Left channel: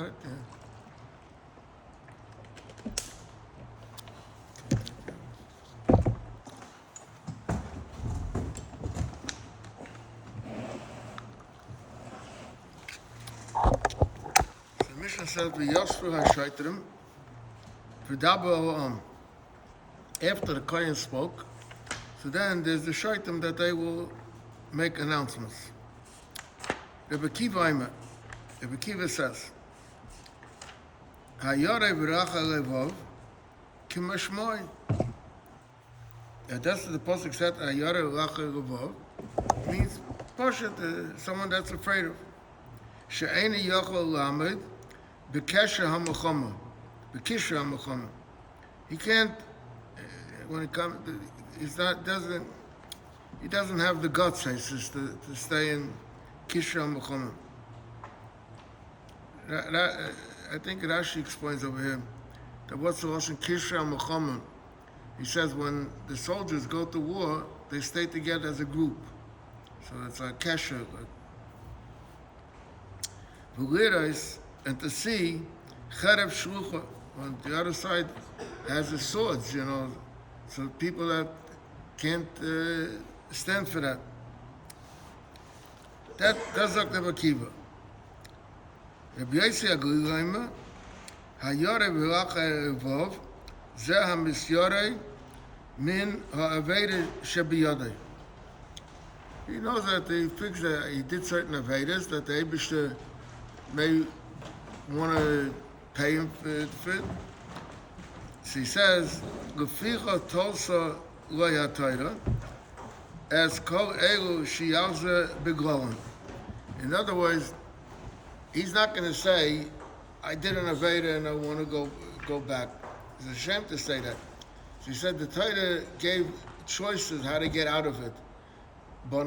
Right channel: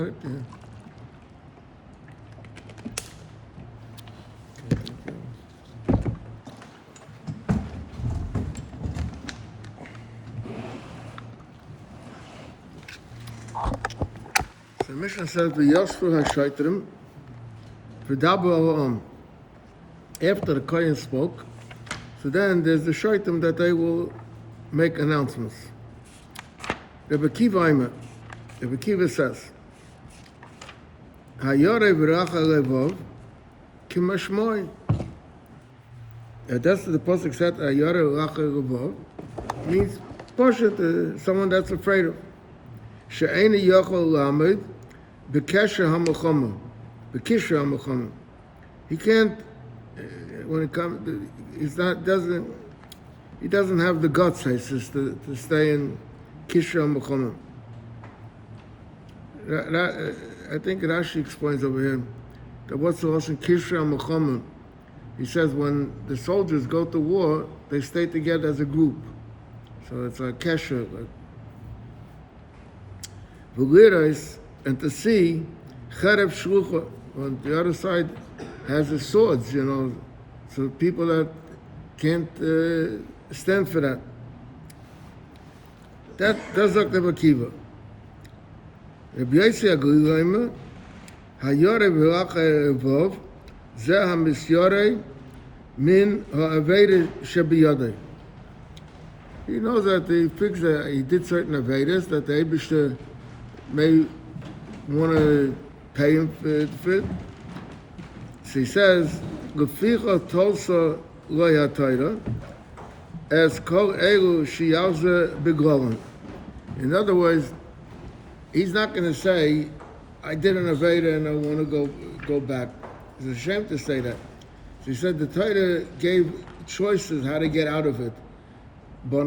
got it? Yeah. So the Mishnah says, "V'yosfu ha'shaitrim v'daber ala'am." After the Kohen spoke, so then there's the shaitim that they will make announcements. Rebbe Kiva says, "Hayore v'racha levov kimashmoi." That's what the pasuk said. Hayore v'racha levov means pashat, someone that's afraid of. She'eni yochel lamed b'kesher hamachama, b'kisher hamachama. He can't. When it comes, he doesn't have the guts, he says, to stay in Kishra Mechama. I think Rashi explains over here that what's the lesson Kishra Mechama. He says when the soldiers go to war, they stay together as a group. So it's like Kesher. V'lirais, and to see Cherev Shlucha on the other side has the swords, so people that can't stand for that. That's Dr. Akiva. Rabbi Yossi Aglilaimer, Hayore v'racha evov, zeh hamisyore min ha'aveda shebiyodei. He knows that he did certain avedas that the Eibishter may want to pay him for it. So he says, "Leficha tolsa loyatayra, as kol elu shiyalza beglolen." In other words, he's not going to say, "I did an aveda and I want to go back." It's a shame to say that. So he said the Torah gave choices how to get out of it. So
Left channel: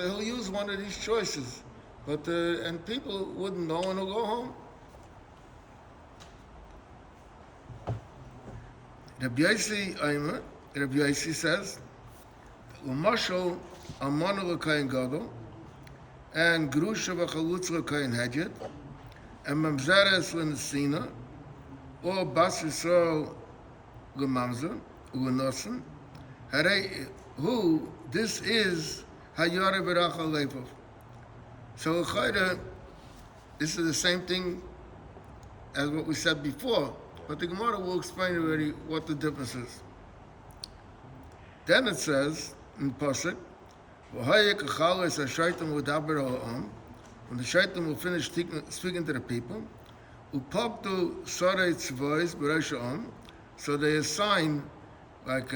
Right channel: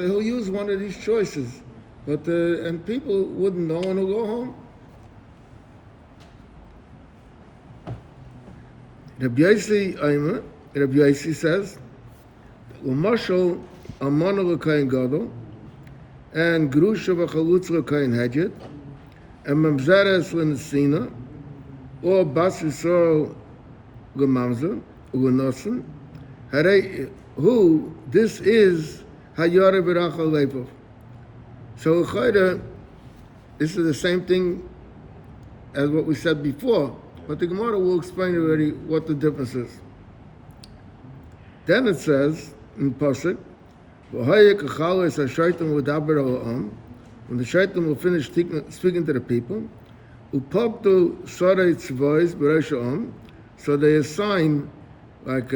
he'll use one of these choices, but and people wouldn't know and he'll go home. Rabbi Yossi says, "Umashal amana l'kayin gadol, and grusha v'chalutz l'kayin hedget, and mamzeres l'nesina, or bas yisrael l'mamzer l'nosen, harei who this is hayare v'racha levov." So this is the same thing as what we said before. But the Gemara will explain already what the difference is. Then it says in Pasuk, when the shaitan will finish speaking to the people, so they assign like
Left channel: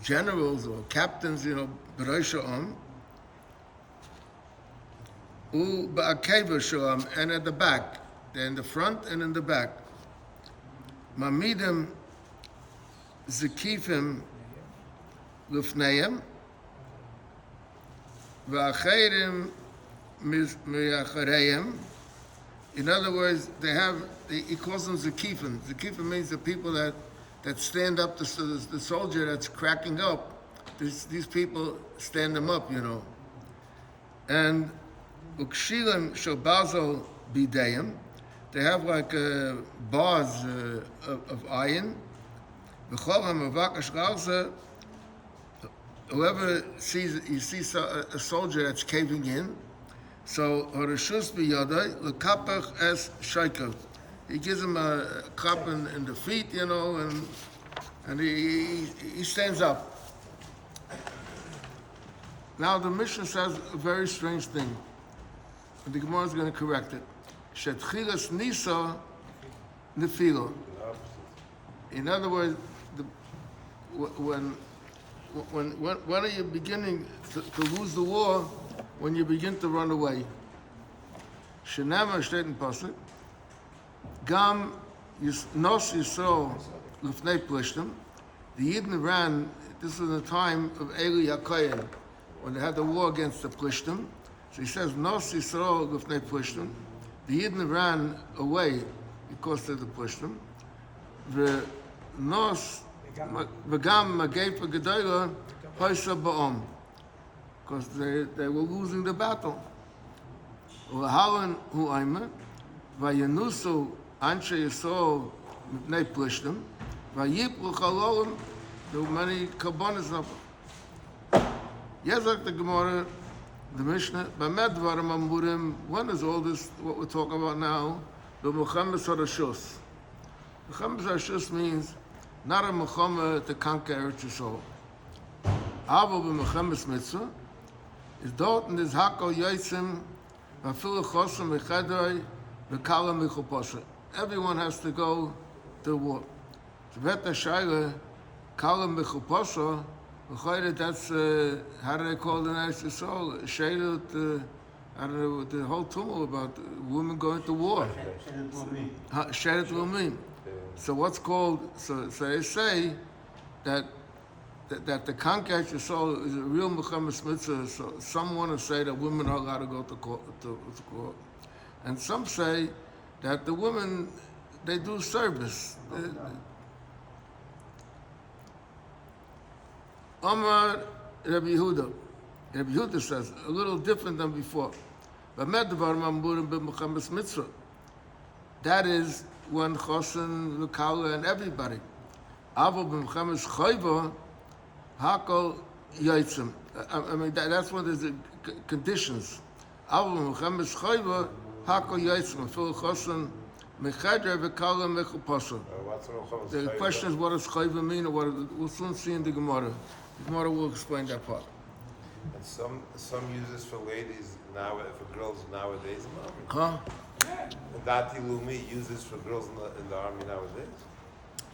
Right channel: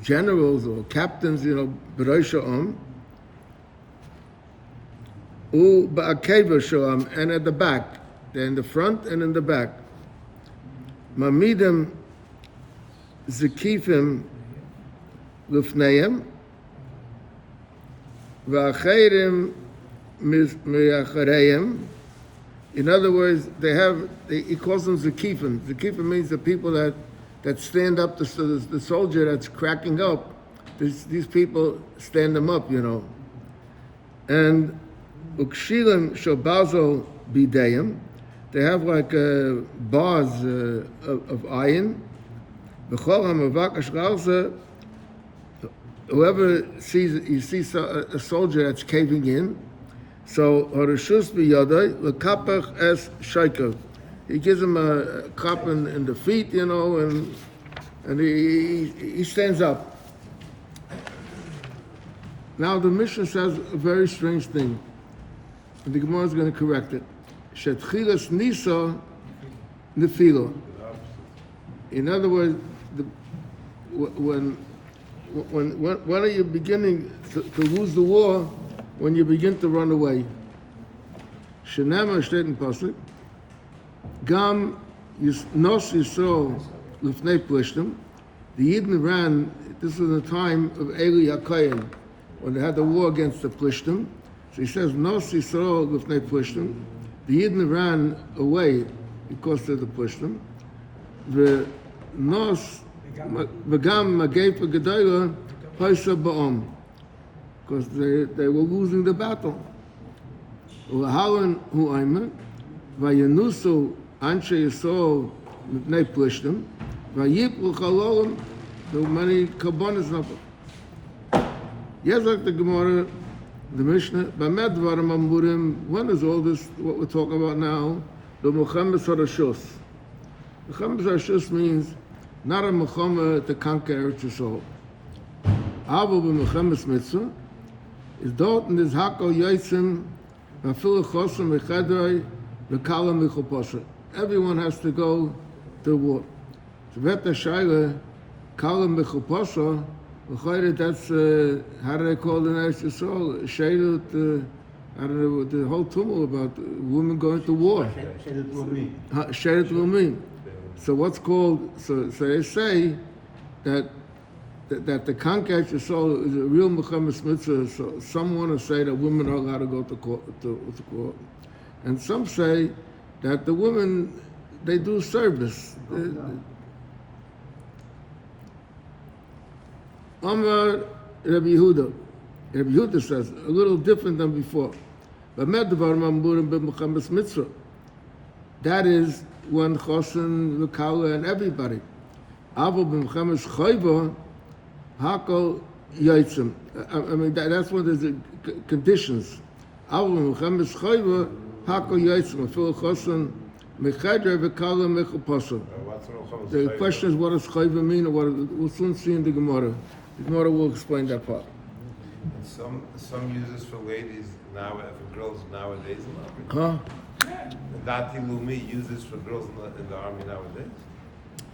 generals or captains, and at the back, they're in the front and in the back. Mamidem zekifim lufneim v'acherim me'achareim. In other words, he calls them zekifim. Zekifim means the people that stand up to the soldier that's cracking up. These people stand them up, And ukshilim shobazo bideyim. They have like bars of iron. Whoever sees a soldier that's caving in, so he gives him a clap in the feet, and he stands up. Now the Mishnah says a very strange thing, and the Gemara is going to correct it. Shetchilas nisa nefilo. In other words, when are you beginning to lose the war? When you begin to run away. Shenema steht in Pasuk. Gam nos Yisrael lufnei plishtim. The Yidden ran. This was the time of Eli HaKohen, when they had the war against the Plishtim. So he says nos Yisrael lufnei plishtim. The Yidden ran away because of the Plishtim. The nos v'gam magefa gedayla paisa ba'om, because they were losing the battle. U'ahalan hu'ayma Vayanusel Anshe Yisrael Mipnei Plishtim, Vayiplu Chalolim, there were many Kabbanas of it. Yes, like the Gemara, the Mishnah, Bamed Dvarim Amurim, when is all this, what we're talking about now? The Muhammad Sarashus. Muhammad Sarashus means not a Muhammad to conquer Eretz Yisrael. Avo b'Muhammad's mitzvah is dort in this Hakol Yotzim, Vafil Chosim Echadroi, V'Kala Michopasa. Everyone has to go to war. So Veta Shaila, Kala Michopasa, that's, how do they call it in Eretz Yisrael? Sheilut, I don't know, the whole tumult about women going to war. Sheilut Lumim. So what's called, so they say that the conquest of soul is a real Muhammad mitzvah. So some want to say that women are allowed to go to court. And some say that the women, they do service. Amar Rabbi Yehuda. Rabbi Yehuda says, a little different than before. But Muhammad's mitzvah. That is when Chosin, V'Kala, and everybody. Avo b'Muhammad's chayva, Hakol Yotzim. I mean, that's one of the conditions. Avo b'Muhammad's chayva, Hakol Yotzim. Afil Chosin, Mechadra, V'Kala, Mechupasa. The question is, what does chayva mean, or what? We'll soon see in the Gemara. The Gemara will explain that part. And some use this for ladies now, for girls nowadays. Huh? Dati Lumi uses for girls in the army nowadays.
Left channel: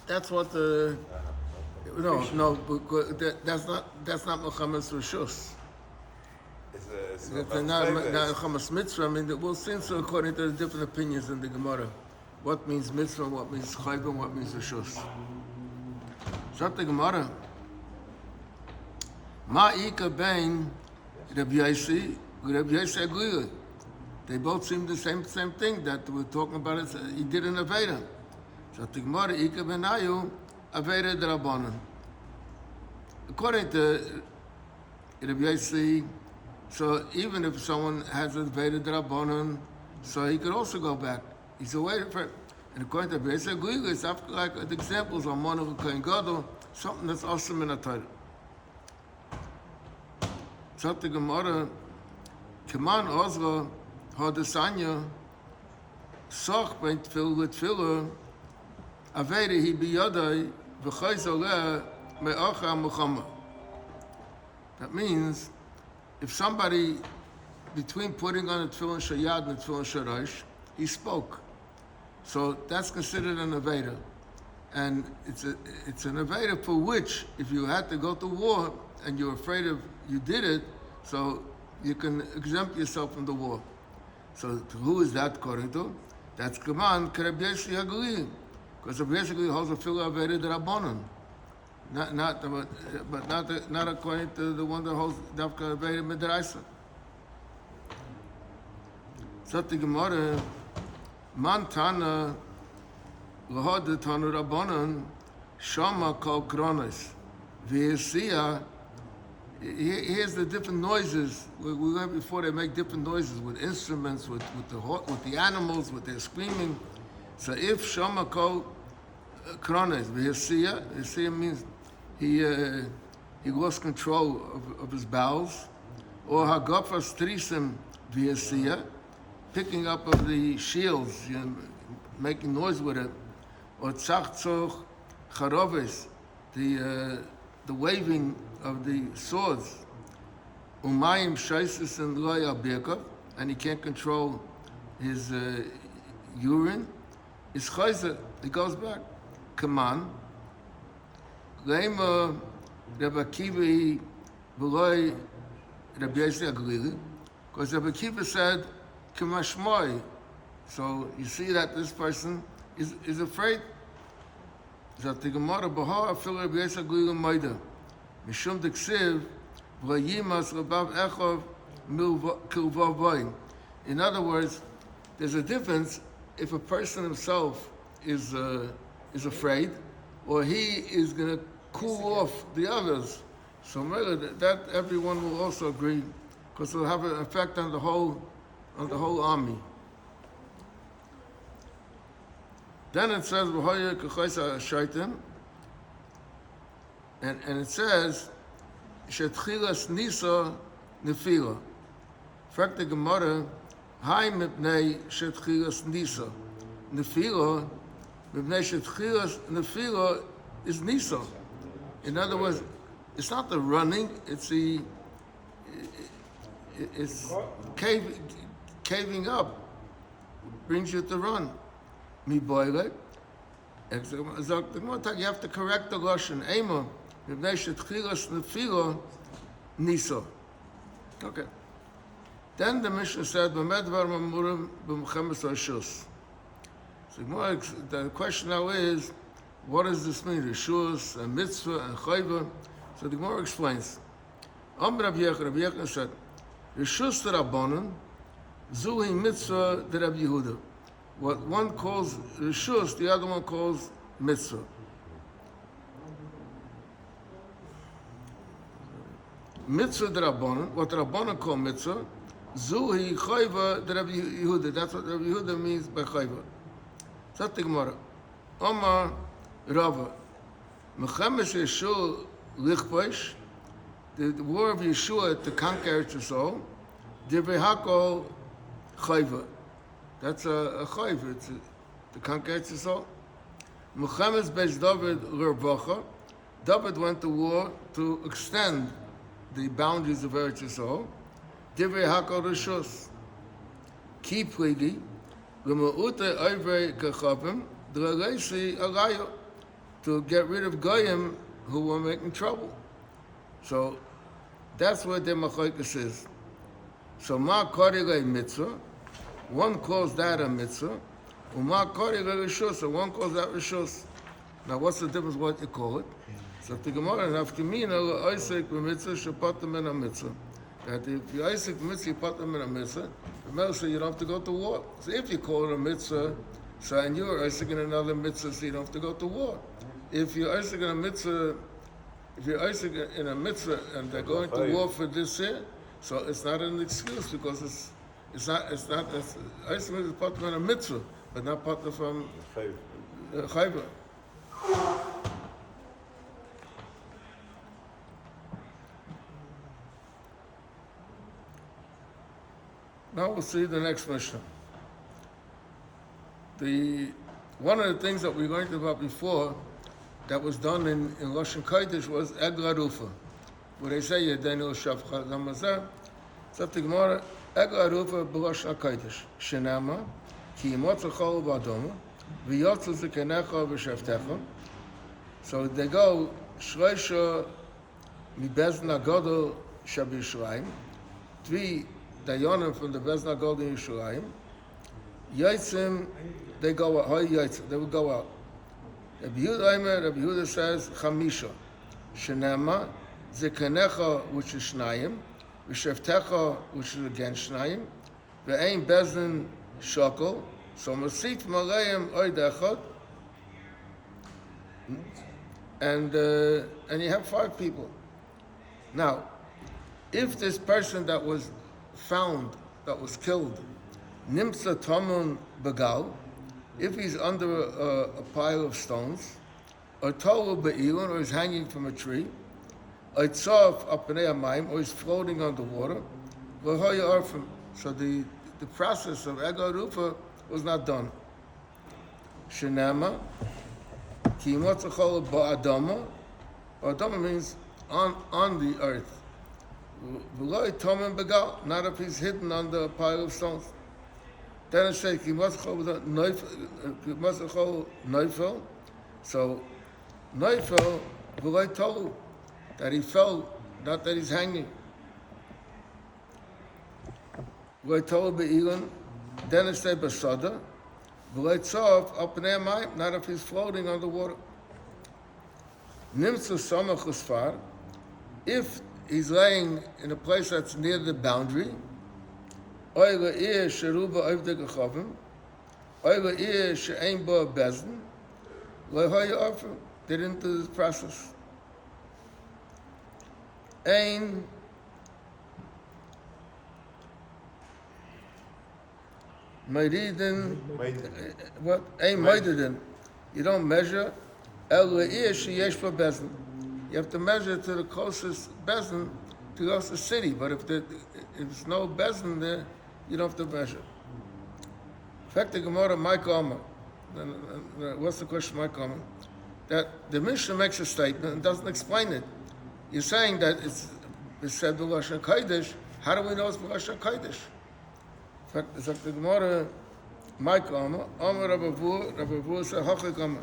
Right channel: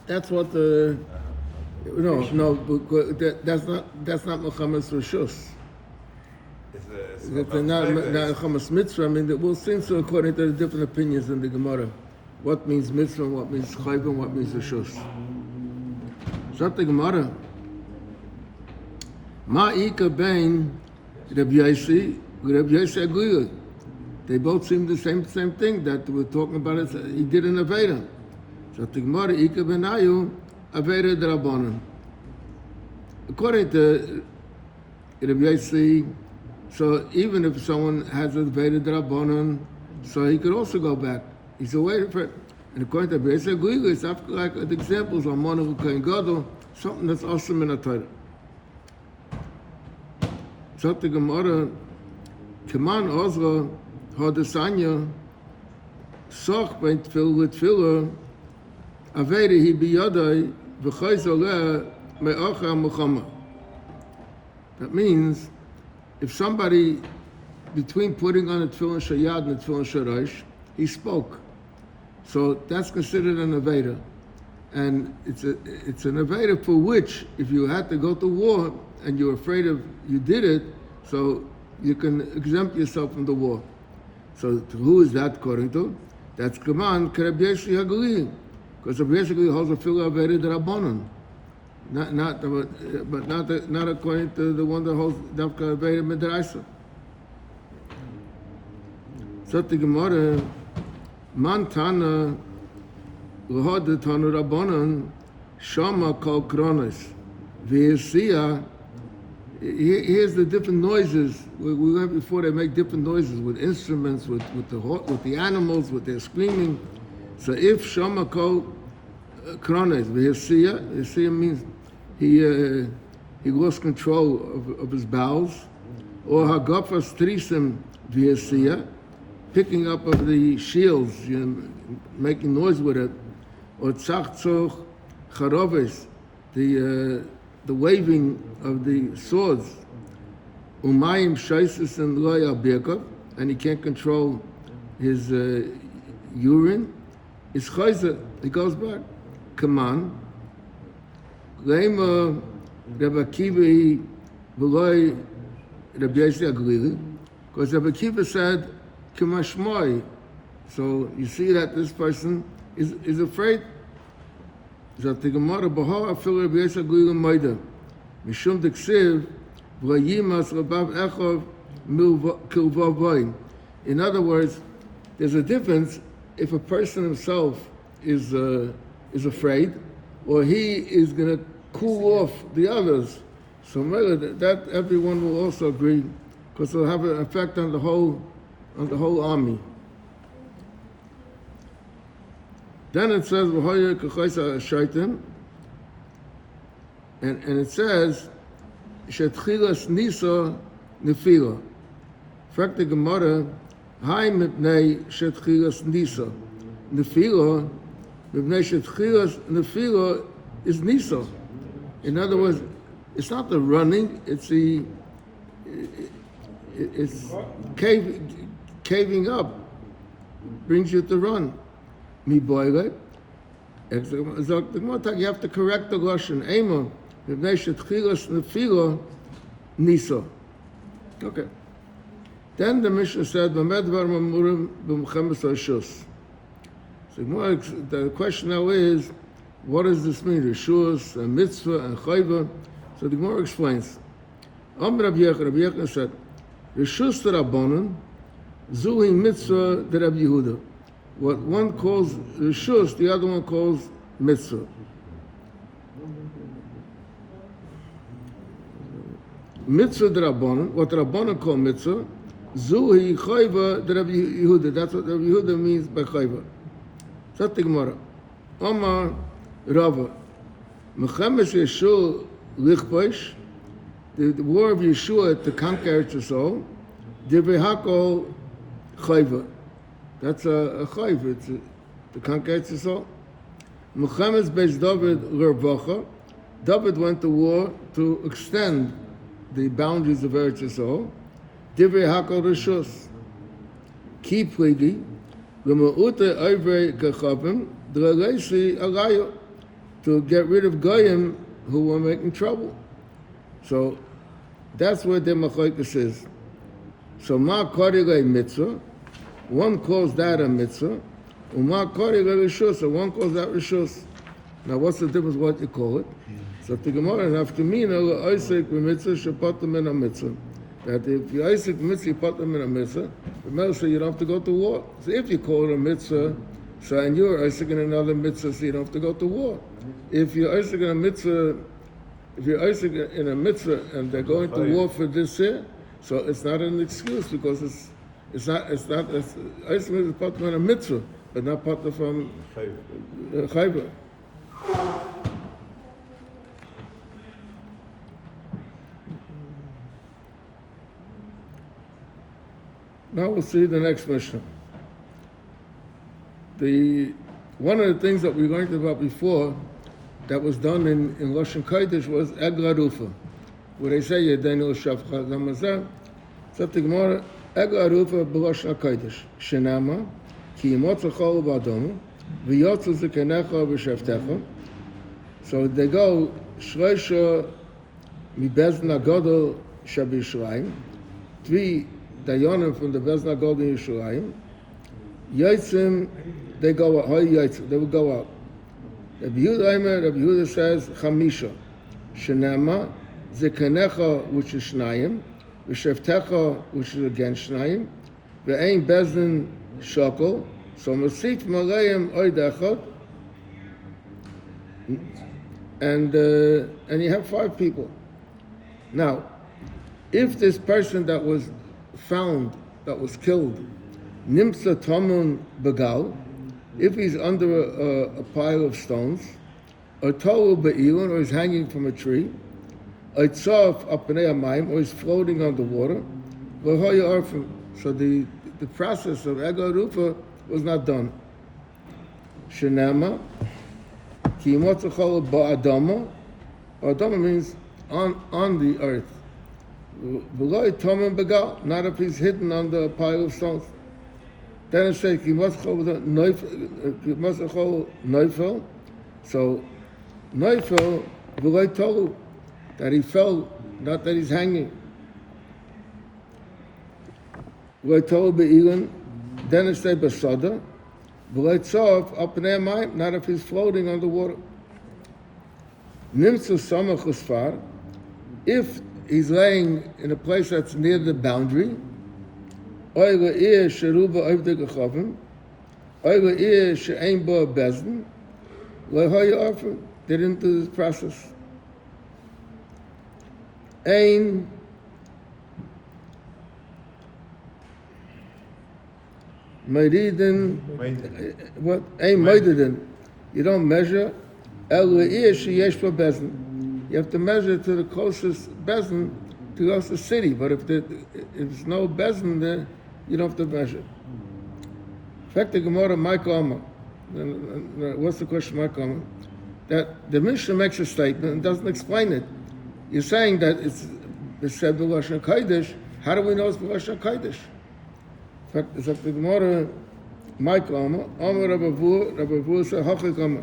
That's what the that's not Muhammad's Rishus. It's not Muhammad's mitzvah. I mean, we'll see so according to the different opinions in the Gemara. What means mitzvah, what means chayv, and what means Rishus. Zot the Gemara. Ma'ika bein Rabbi Yossi, Rabbi Yossi Aguilah. They both seem the same thing that we're talking about. It. He did an Aveda. So the Gemara, Ika benayu, Aveda d'Rabbanan. According to Rabbi Yossi, so even if someone has an Aveda d'Rabbanan, so he could also go back. He's away for it. And according to Rabbi Yossi Aguilah, it's like the examples on Monav Kohen Gadol, something that's awesome in a Torah. So the Gemara, Kaman Ozra, Hodesanya, Soch bein Tfil with Tfilah, Aveda he biyadai, V'chayzoleh me'acha Muhammad. That means, if somebody, between putting on a Tefillin Shayad and a Tefillin Sharash, he spoke. So that's considered an Aveda. And it's an Aveda for which, if you had to go to war, and you're afraid of, you did it, so you can exempt yourself from the war. So who is that according to? That's Kaman Rabbi Yossi Hagali, because Rabbi Yossi Hagali holds a Filah Aveda d'Rabbanan, not according to the one that holds Davka Aveda Midraisa. So the Gemara, Man Tana L'hod Tanu Rabbanan Shama Kol Kronis V'Yesiya. Here's the different noises. We went before, they make different noises with instruments, with the animals, with their screaming. So if Shama Kol Krones, V'Yesiya means he lost control of his bowels, or Hagafas Trisim V'Yesiya, picking up of the shields, making noise with it, or Tzachzoch Charoves, the waving of the swords, Umayim Shaisis and Loya Birkov, and he can't control his urine. Is Chayzer, he goes back. Kaman, Leima Rabbi Akiva V'loi Rabbi Yossi Aglili, because Rabbi Akiva said, Kamashmoi. So you see that this person is afraid. That the Gemara Bahar Afil Rabbi Yossi Aglili Maida, Mishum Deksiv V'yimas Rabav Echov Kilvav Vayin. In other words, there's a difference if a person himself is afraid, or he is going to cool off the others. So that everyone will also agree, because it'll have an effect on the whole army. Then it says, "V'hoya k'choisa shaitim," and it says, "Shetchilas nisa nefila." Fragt the Gemara, "Hai mipnei shetchilas nisa nefila." Mipnei shetchilas nefila is nisa. In other words, it's not the running; it's caving up. Brings you to run. Mi boile. You have to correct the lashon. Ema mipnei shetchilas nefila nisa. Okay. Then the Mishnah said, "B'med var mamurim b'mchemes rishus." So the question now is, what does this mean? Rishus, a mitzvah, and chayva. So the Gemara explains. Rabbi Yechon said, "Rishus d'Rabbanan, zuhi mitzvah d'Rabbi Yehuda." What one calls rishus, the other one calls mitzvah. Mitzvah d'Rabbanan, what Rabbanan call mitzvah, zuhi chayva d'Rabbi Yehuda. That's what Rabbi Yehuda means by chayva. So the Gemara. Omar Rava, Mechemes Yeshua lichposh, the war of Yeshua to conquer Yisrael, divrei hakol chayva. That's a chayva, it's to conquer Yisrael. Mechemes Beis David l'rvacha, David went to war to extend the boundaries of Eretz Yisrael. Divrei hakol rishus. Ki pligi, l'ma'ute oivei gechavim, d'leisi alayo, to get rid of goyim who were making trouble. So that's what the machlokes is. So ma korile mitzvah, one calls that a mitzvah, uma korile rishus, so one calls that rishus. Now what's the difference what you call it? So the Gemara nafkamina oisek b'mitzvah shapatam in a mitzvah. That if you oisek mitzvah you put them in a mitzvah, the Gemara says you don't have to go to war. So if you call it a mitzvah, so and you're oisek in another mitzvah, so you don't have to go to war. If you're oisek in a mitzvah, if you're oisek in a mitzvah and they're going to war for this year, so it's not an excuse because it's oisek is part of a mitzvah, but not part of chayva. Now we'll see the next Mishnah. One of the things that we learned about before that was done in Lashon Kodesh was Egla Rufa, where they say Yedenu Shavcha Namazah. So the Gemara Egla Rufa b'Lashon Kodesh Shenama Ki Yimotza Chol B'Adoma V'Yotzu Zikanecha V'Shavtecha. So they go Shloisha Mibezna Godol Shabishraim, three Dayanim from the Bezna Godol in Yisraelim. Yotzim, they go out. They will go out. Rabbi Yehuda says Chamisha, Shenema, Zikanecha, which is Shnayim, V'Shavtecha, which is again Shnayim, V'Ein Bezdin Shokol. So Masit Malayim Oidechot, and you have 5 people. Now, if this person that was found, that was killed, Nimsa Tomun Begal, if he's under a pile of stones, or Tolu Be'ilon, or he's hanging from a tree, or Tzaf Apnei Amayim, or he's floating on the water, so the process of Ego Rufa was not done. Shenema, Ki Motzachol Ba'adama, Ba'adama means on the earth. V'loi Tomun Begal, not if he's hidden under a pile of stones. Then it says, Ki Motzachol Neufel, so Neufel, V'loi Tolu, that he fell, not that he's hanging. V'loi Tolu Be'ilon, then it says Basada, V'loi Tzof, Apnei Amayim, not if he's floating on the water. Nimtzu Samach Usfar, if he's laying in a place that's near the boundary, Oy le'ir sheruba oivdei gechavim, Oy le'ir she'ein bo bezdin, le'hoya offer, they didn't do this process. Ein, Meidin, Maiden. what? Ein Meidin. You don't measure. El Le'ish Yesh Bezin. You have to measure to the closest Bezin, to the closest city. But if there's no Bezin there, you don't have to measure. In fact, the Gemara, Michael Omer. What's the question, Michael Omer? That the Mishnah makes a statement and doesn't explain it. You're saying that it's said the Lashon Kodesh. How do we know it's the Lashon Kodesh? In fact, it's like the Gemara, Michael Omer, Omer Rabbi Vu said, Hachik Omer.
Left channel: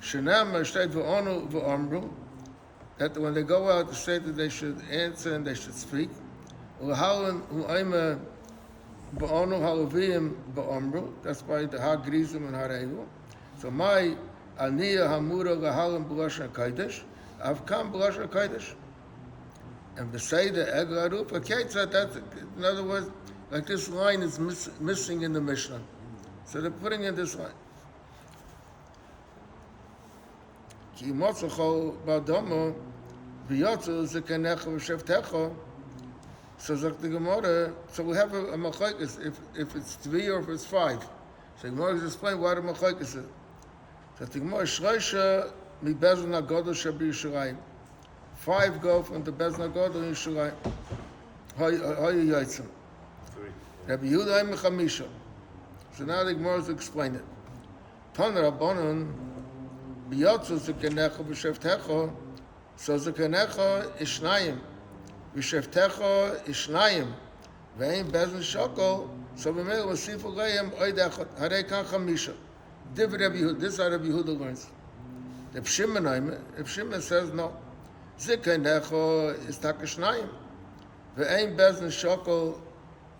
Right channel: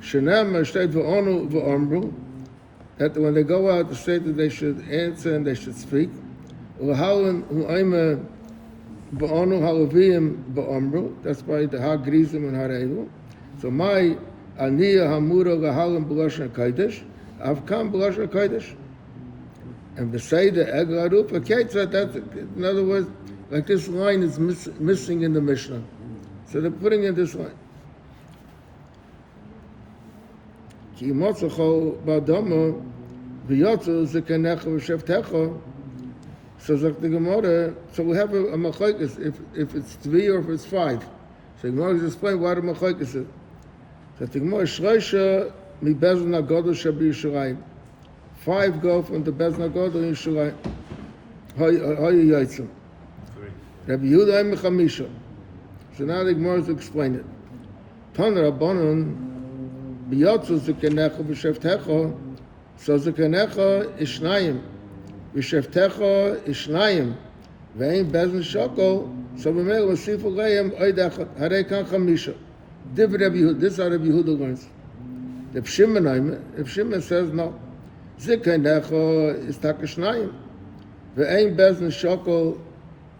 Shenam steht v'onu v'omru, that when they go out, the state that they should answer and they should speak. U'halan u'ayma v'onu halaviyim v'omru, that's by the ha-grizim and ha-reilu. So my aniyah hamura l'halan b'lashon kodesh, avkam b'lashon kodesh. And beside the eglarup, that's, in other words, like this line is missing in the Mishnah. So they're putting in this line. Ki motzacho ba'adama v'yotzu zekenecha v'shevtecha. So like the Gemara, so we have a machlokes if it's 3 or if it's 5. So the Gemara is explain why the machlokes is. So the Gemara shreisha mi bezin hagadol shebi Yishalayim. 5 go from the bezin hagadol in Yishalayim. Hayu yotzim. Rabbi Yehuda im chamisha. So now the Gemara is explain it. Tan Rabbanon. Biyotzu zekenecha v'shevtecha, so zekenecha is shnayim, v'shevtecha is shnayim, ve'ein bezin shokol, so b'mei l'sifu leim oid echad, harei kan chamisha. This is how Rabbi Yehuda learns. If Shimon says no, zekenecha is taka shnayim, ve'ein bezin shokol,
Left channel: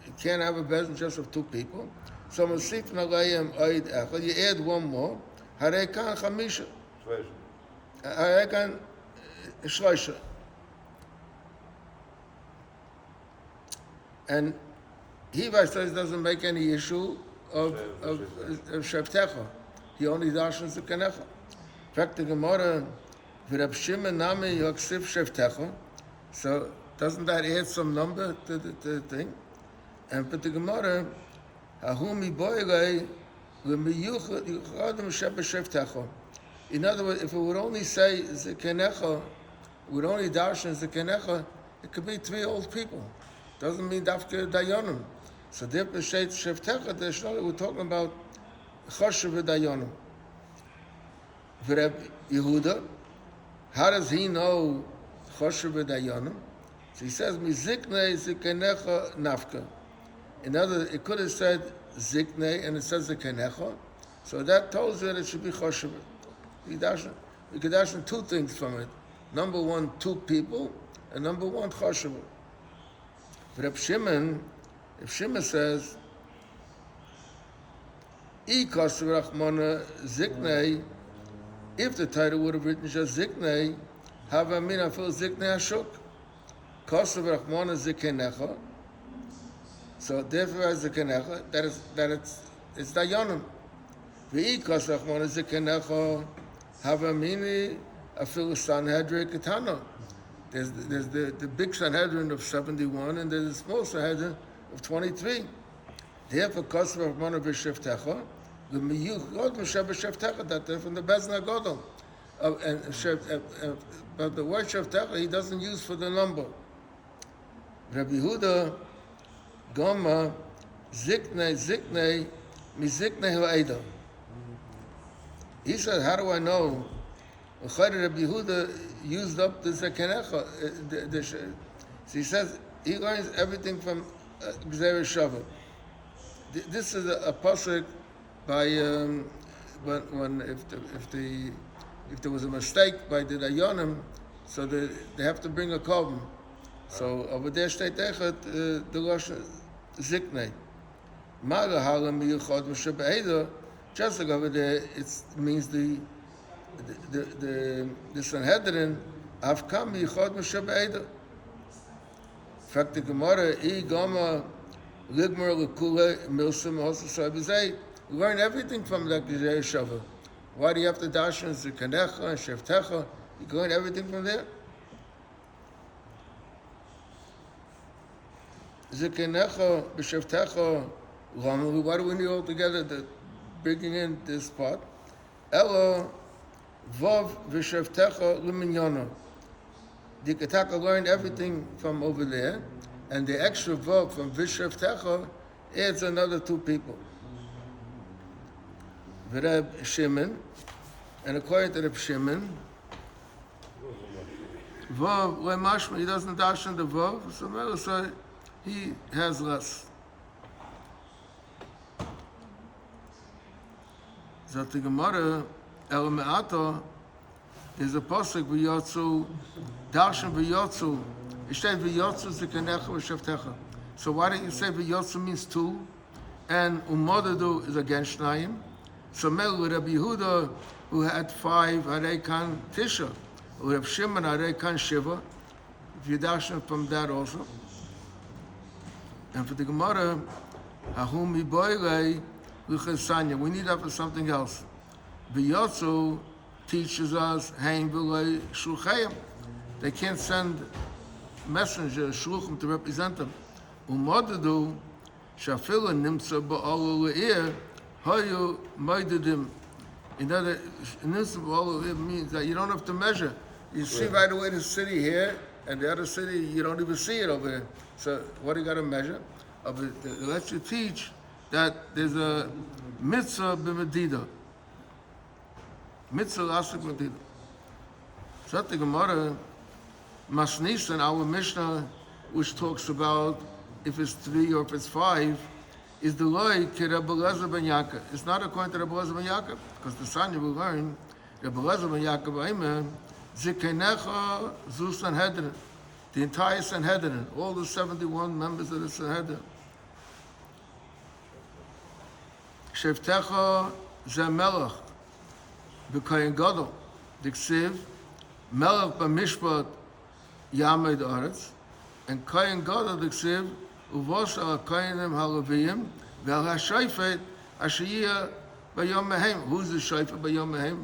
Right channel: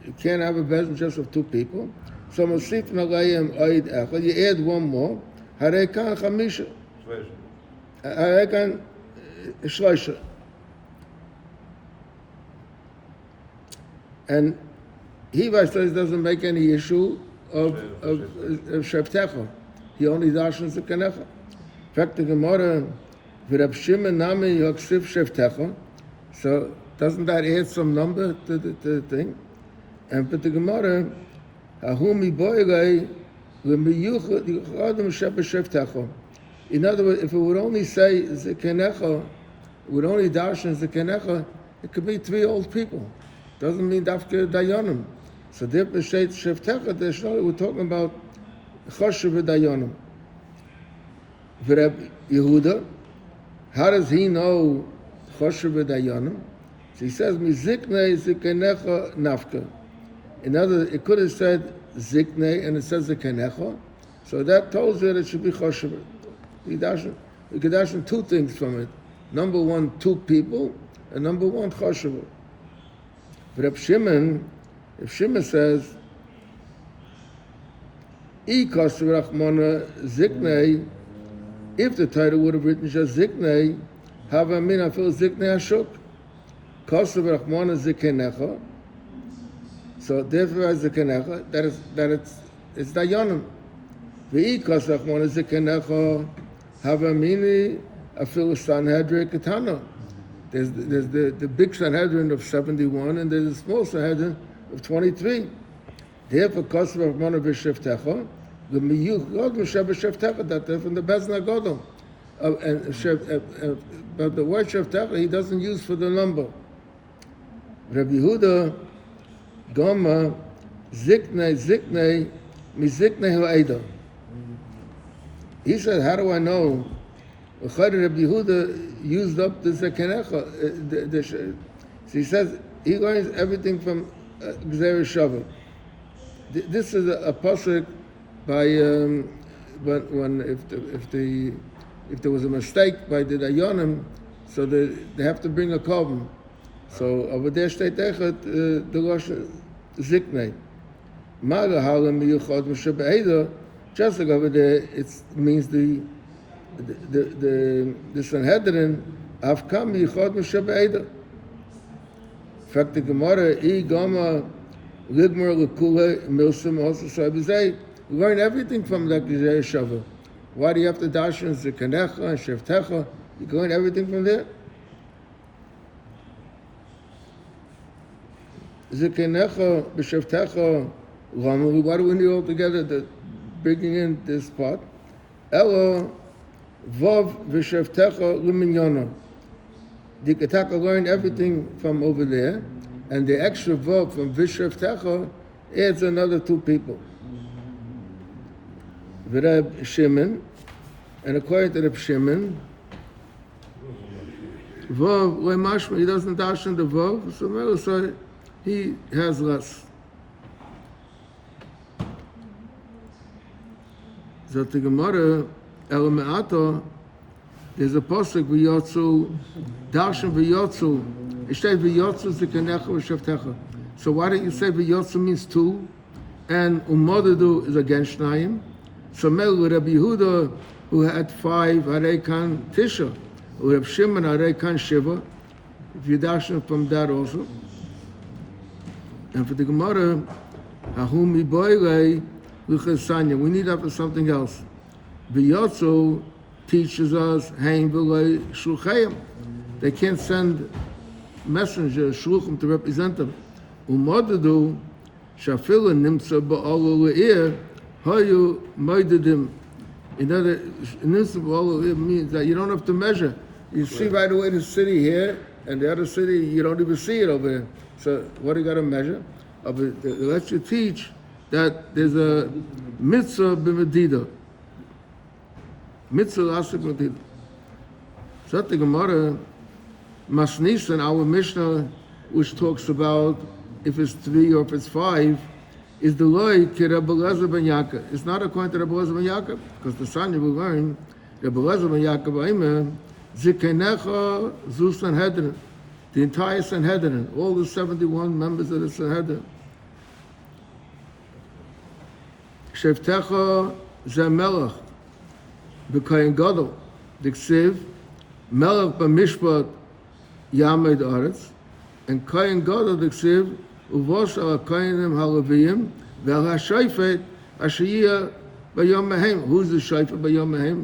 you can't have a bezin just of 2 people, so l'sifu leim oid echad, you add 1 more, harei kan chamisha. Harei kan shloisha. And he says doesn't make any issue of shevtecha. He only dashens the kanecha. In fact, the Gemara, v'Rab Shimon nami yaksiv shevtecha. So doesn't that add some number to the thing? And but the Gemara, hahumi boilei. In other words, if it would only say zekenecha, would only darshan zekenecha, it could be 3 old people. Doesn't mean dafke dayanim. So there b'sheit shevtecha, there's no, we're talking about choshev dayanim. V'Reb Yehuda, how does he know choshev dayanim? So he says miziknei zekenecha nafka. In other words, it could have said ziknei and it says zekenecha, so that tells you that it should be choshev. We could dash 2 things from it. Number 1, 2 people, and number 1, choshev. But if Shimon says, I kosev rachmana ziknei, if the title would have written just ziknei, hava min afil ziknei hashuk, kosev rachmana zikenecha. So therefore, as zikenecha, that it's dayanim. V'I kosev rachmana zikenecha, hava mini afil Sanhedrin katana. There's the big Sanhedrin of 71 and there's a small Sanhedrin of 23. Therefore, kosev rachmana v'shevtecha, the miyuch god v'shevtecha, that they're from the Bezna Godel. But the word shevtecha he doesn't use for the number. Rabbi Yehuda Goma ziknei miziknei ha'eda. He said, how do I know? Rabbi Yehuda used up the zekenecha. So he says he learns everything from Gzera Shavuot. This is a pasuk by when if there was a mistake by the dayanim, so they have to bring a korban. So over there steht echet the rosh ziknei. Ma'ala halam miyuchad m'shabeida. Just like over there, it means the Sanhedrin avkam miyuchad m'shabeida. In fact, the Gemara I gama ligmer lekule milsim also sabizay. We learn everything from the Gzera Shavuot. Why do you have to darshan zekenecha and shevtecha? You learn everything from there. Zekenecha b'shevtecha Why do we need all together the bringing in this part? Elo vav v'shavtecha l'minyana. The Ketaka learned everything from over there, and the extra vav from v'shavtecha adds another 2 people. V'Reb Shimon, and according to Reb Shimon, vav le'mashma, he doesn't dash in the vav, so he has less. Zot the Gemara, El Me'ato, there's a pasuk v'yotzu, darshan v'yotzu. It says v'yotzu zikanecha v'shavtecha. So why don't you say v'yotzu means 2, and umodadu is against Shnayim? So Mel Rabbi Yehuda, who had 5, harei kan tisha, Reb Shimon harei kan shiva. If you darshan from that also, and for the Gemara, ahum iboirei. We need to have something else. V'yotzu teaches us hein v'loi shluchayim. They can't send messengers, shluchim, to represent them. Umodadu shafilu nimtza ba'olu le'ir hayu moidedim. In other, nimtza ba'olu le'ir means that you don't have to measure. You see right away the city here, and the other city, you don't even see it over here. So what do you got to measure? It lets you teach that there's a mitzvah b'medida. Mitzvah asik b'medida. So the Gemara, Masnisan, our Mishnah, which talks about if it's 3 or if it's 5, is the loy ki Rebbe Elazar ben Yaakov. It's not according to Rebbe Elazar ben Yaakov, because the Sanya will learn, Rebbe Elazar ben Yaakov, Amen, Zikenecha zu Sanhedrin, the entire Sanhedrin, all the 71 members of the Sanhedrin. Shevtecha ze melech b'kohen gadol diksiv melech b'mishpat yamed aretz, and kohen gadol diksiv uvos al kohenim halaviyim ve'al hashayfet ashiyah b'yom mehem. Who's the shayfet b'yom mehem?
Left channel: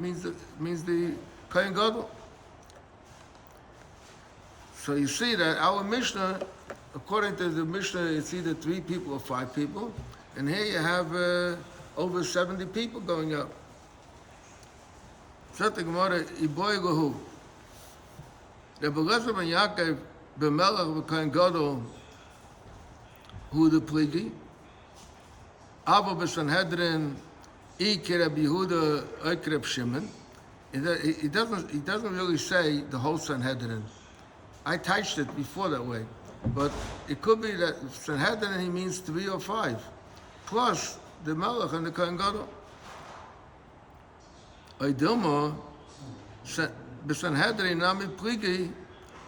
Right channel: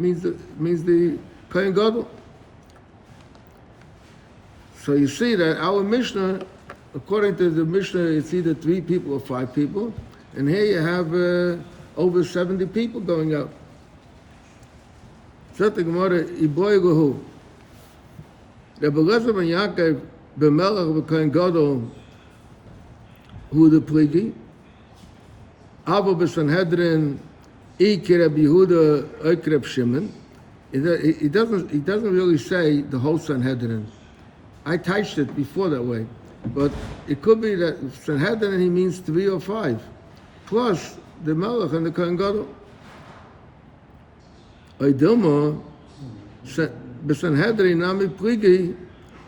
Means the kohen gadol. So you see that our Mishnah, according to the Mishnah, it's either 3 people or 5 people, and here you have over 70 people going out. So the Gemara, Iboy Gohu. Rebbe Elazar ben Yaakov, b'melech b'kohen gadol, hu the pligi. Avo b'Sanhedrin, ki Rabbi Yehuda, oik Reb Shimon. He doesn't really say the whole Sanhedrin. I touched it before that way, but it could be that Sanhedrin he means 3 or 5, plus the Melech and the Kohen Gadol. Oidilma, b'Sanhedrin nami pligi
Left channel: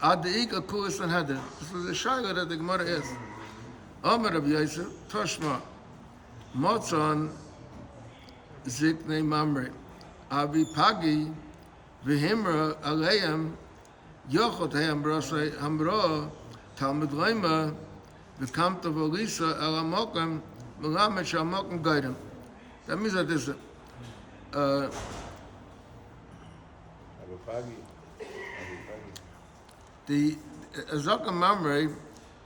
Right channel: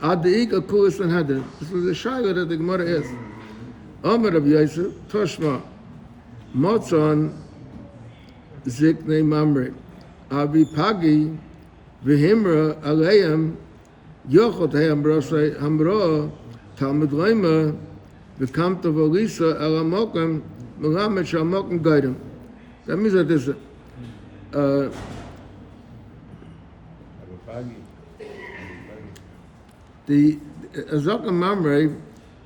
ad de'ika kula Sanhedrin. This was a shayla that the Gemara is. Omer Rav Yosef, Toshma, Motzon, Ziknei Mamre, Avi Pagi, V'himra Aleim, Yochot Hamrosai Hamro, Talmud Leima, V'kamta Volisa Elamokim, Melamed Shalmokim Gaidim. That means that this the Azaka Mamre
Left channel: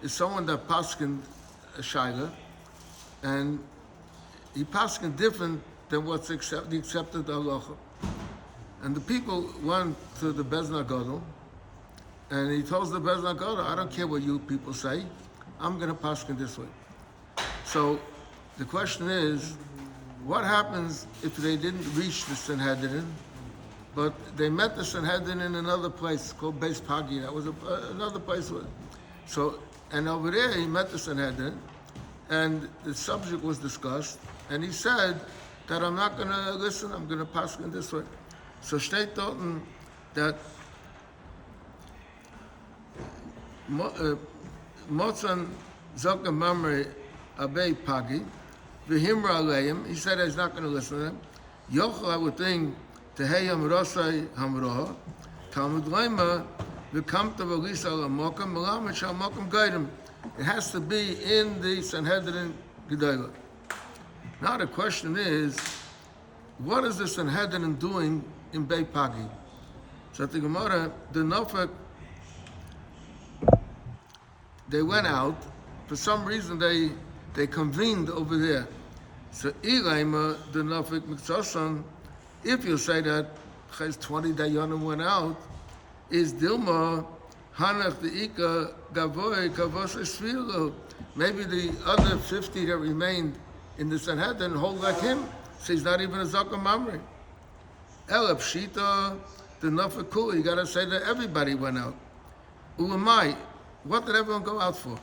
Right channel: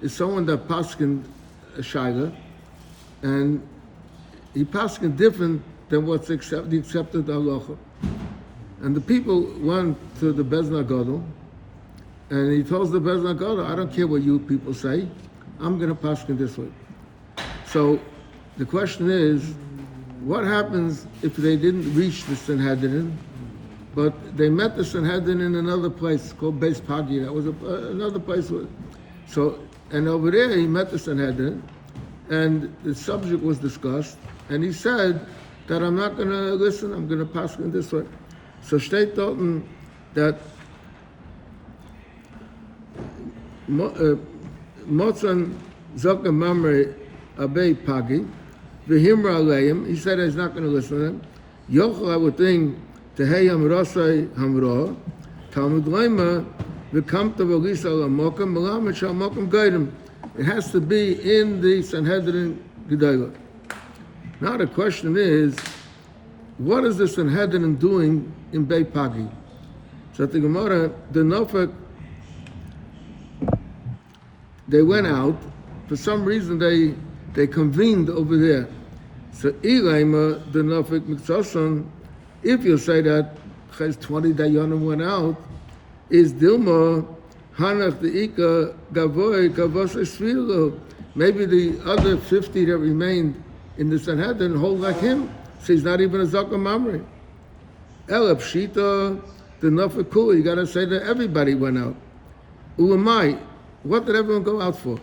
is someone that paskin a shayla, and he paskin different than what's the accepted halacha. And the people went to the Bezna Gadol, and he tells the Bezna Gadol, I don't care what you people say, I'm going to paskin this way. So the question is, what happens if they didn't reach the Sanhedrin, but they met the Sanhedrin in another place called Beis Pagi? That was another place. So, and over there he met the Sanhedrin, and the subject was discussed, and he said that I'm not going to listen, I'm going to paskin this way. So steht dort that Motzan Zoka Mamre Abei Pagi, V'himra Aleim, he said he's not going to listen to them. Yochel, I would think, Teheyam Rosai Hamroh, Talmud Leima, V'kamta V'lisa L'mokim, Melamed Shalmokim Gaidim. It has to be in the Sanhedrin Gedalah. Now the question is, what is the Sanhedrin doing in Beit Pagi? So the Gemara, the Nofek, they went out. For some reason, they They convened over there. So Ilaima the Nafik Miksasan, if you say that Ches 20 Dayanim went out, is Dilma Hanach the Ika Gavoy Kavasa Svilo. Maybe the other 50 that remained in the Sanhedrin hold like him. So he's not even a Zakah Mamre. Elab Shita the Nafik Kula. You gotta say that everybody went out. Ulamai, what did everyone go out for?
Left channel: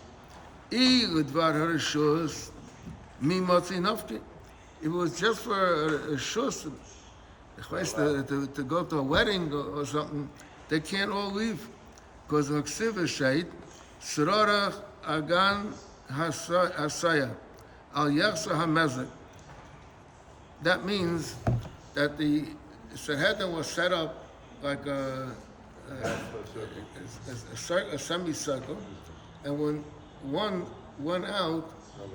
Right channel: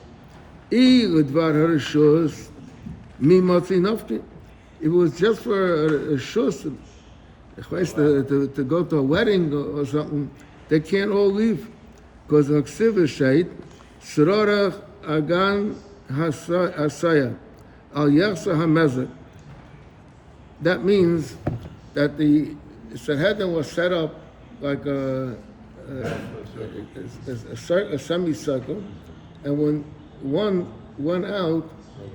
If it was just for a shus, to go to a wedding or something, they can't all leave. Because the Ksiva said, Sirarach Agan Hasaya, Al Yachsa HaMezek. That means that the Sanhedrin was set up like a semicircle, and when one went out,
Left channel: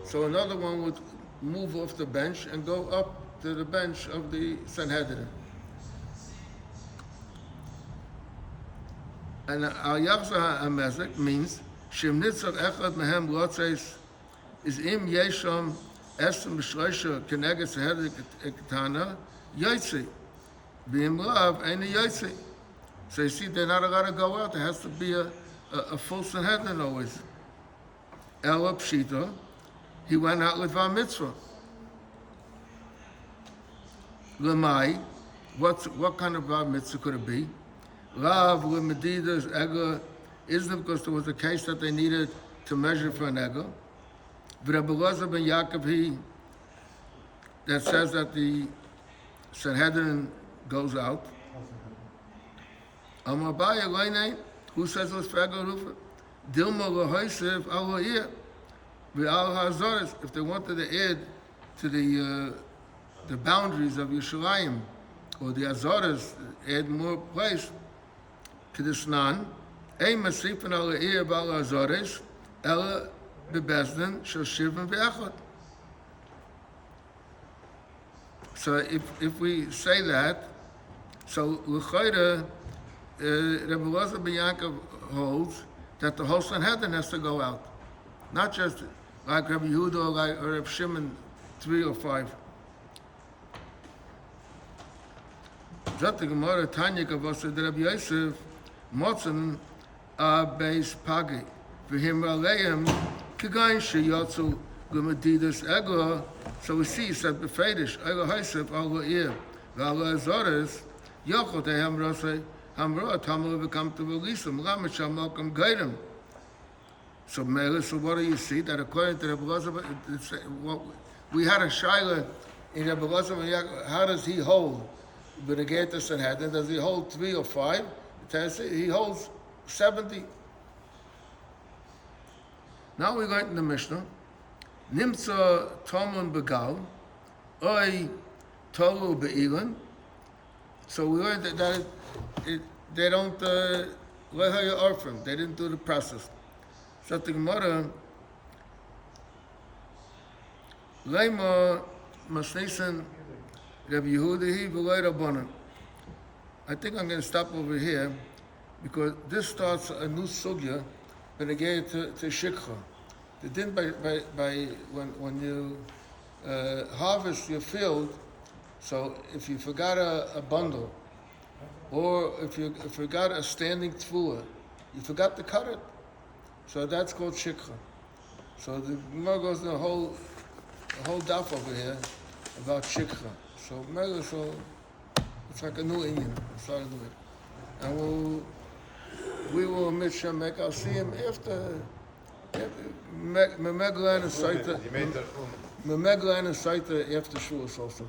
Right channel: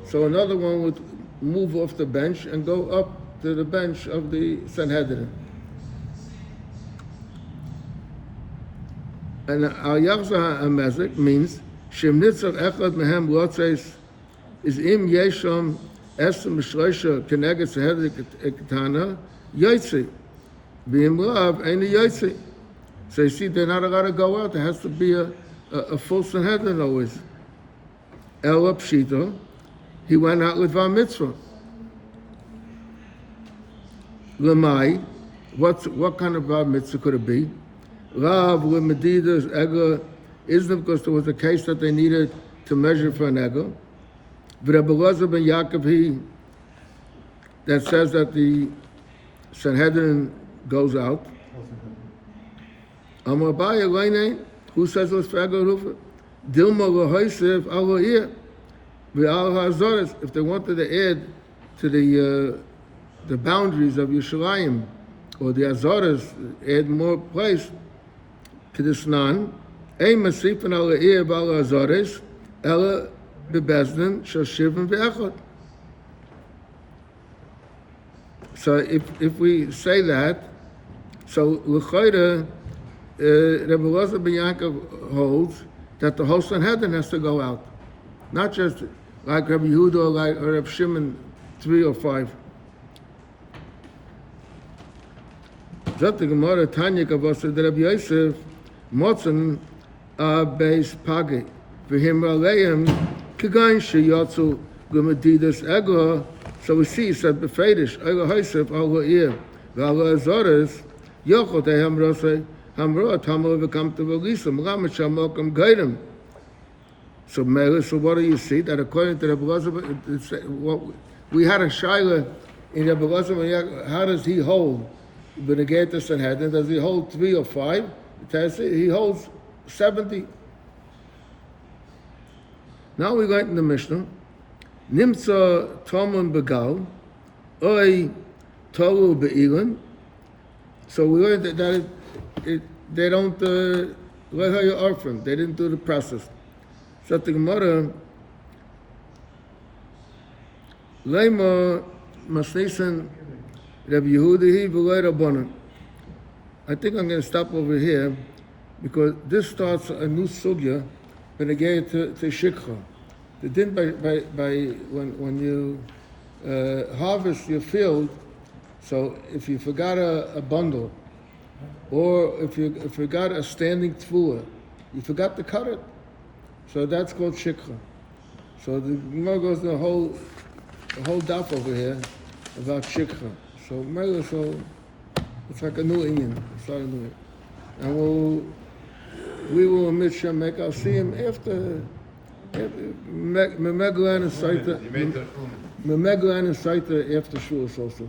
so another one would move off the bench and go up to the bench of the Sanhedrin. And al-yachza ha-mezek means shem nitzach echad mehem lotzeis is im yesham esem b'shloisha keneged Sanhedrin ketana yotzi v'im lav ein yotzi. So you see, they're not allowed to go out. There has to be a full Sanhedrin always. Ela Pshita, he went out with Var Mitzvah. Lamai, what kind of Var Mitzvah could it be? Rav with Medidas Ega isn't because there was a case that they needed to measure for an Ega. But Rebbe Elazar ben Yaakov, he that says that the Sanhedrin goes out. Amabaya Leine, who says what's for Ega Rufa? Dilma Lahoisev Aloir, Ve'al HaZoris, if they wanted to add to the boundaries of Yerushalayim, or the Azores, add more place, Kedisnan, Ein Masifan Aloir Ve'al HaZoris, Ella Bebezdin, Shal Shivim Ve'echot. So if we say that, so L'chayra, Rebbe Elazar ben Yaakov holds that the whole Sanhedrin has to go out, not just like Rabbi Yehuda or Rabbi Shimon 3 or 5. Zot the Gemara Tanya Kavasa the Rabbi Yosef Motzen Beis Pagi for him Aleim Kigain Sheyatzu Gumadidas Ego. So we see, he said Befedish Ego Yosef Al Ir Vala Azores Yochot Ehem Rosei Hamra Tamal become to Velisam Ramacham Malcolm Gaidim. So what do you see? That according to Rebbe Elazar, we had a shaila in Rebbe Elazar, how does he hold Benegeta Sanhedrin? Does he hold 3 or 5? He holds 70. Now we go into the Mishnah. Nimtza Tomun Begal, Oi Toru Be'ilan. So we learned that they don't let her orphan. They didn't do the process. So the Gemara, Leima Masnisan Rabbi Yehuda V'Lei Rabbanan. I think I'm going to stop over here because this starts a new sugya when I get to Shikha. The din by when you harvest your field. So if you forgot a bundle, or if you forgot a standing tefillah, you forgot to cut it. So that's called shikha. So the Gemara goes the whole daf over here about shikha. So it's like a new Indian. It's not a new, and we will make our see him after Memegla and Saita. Memegla and Saita after Shavuos also.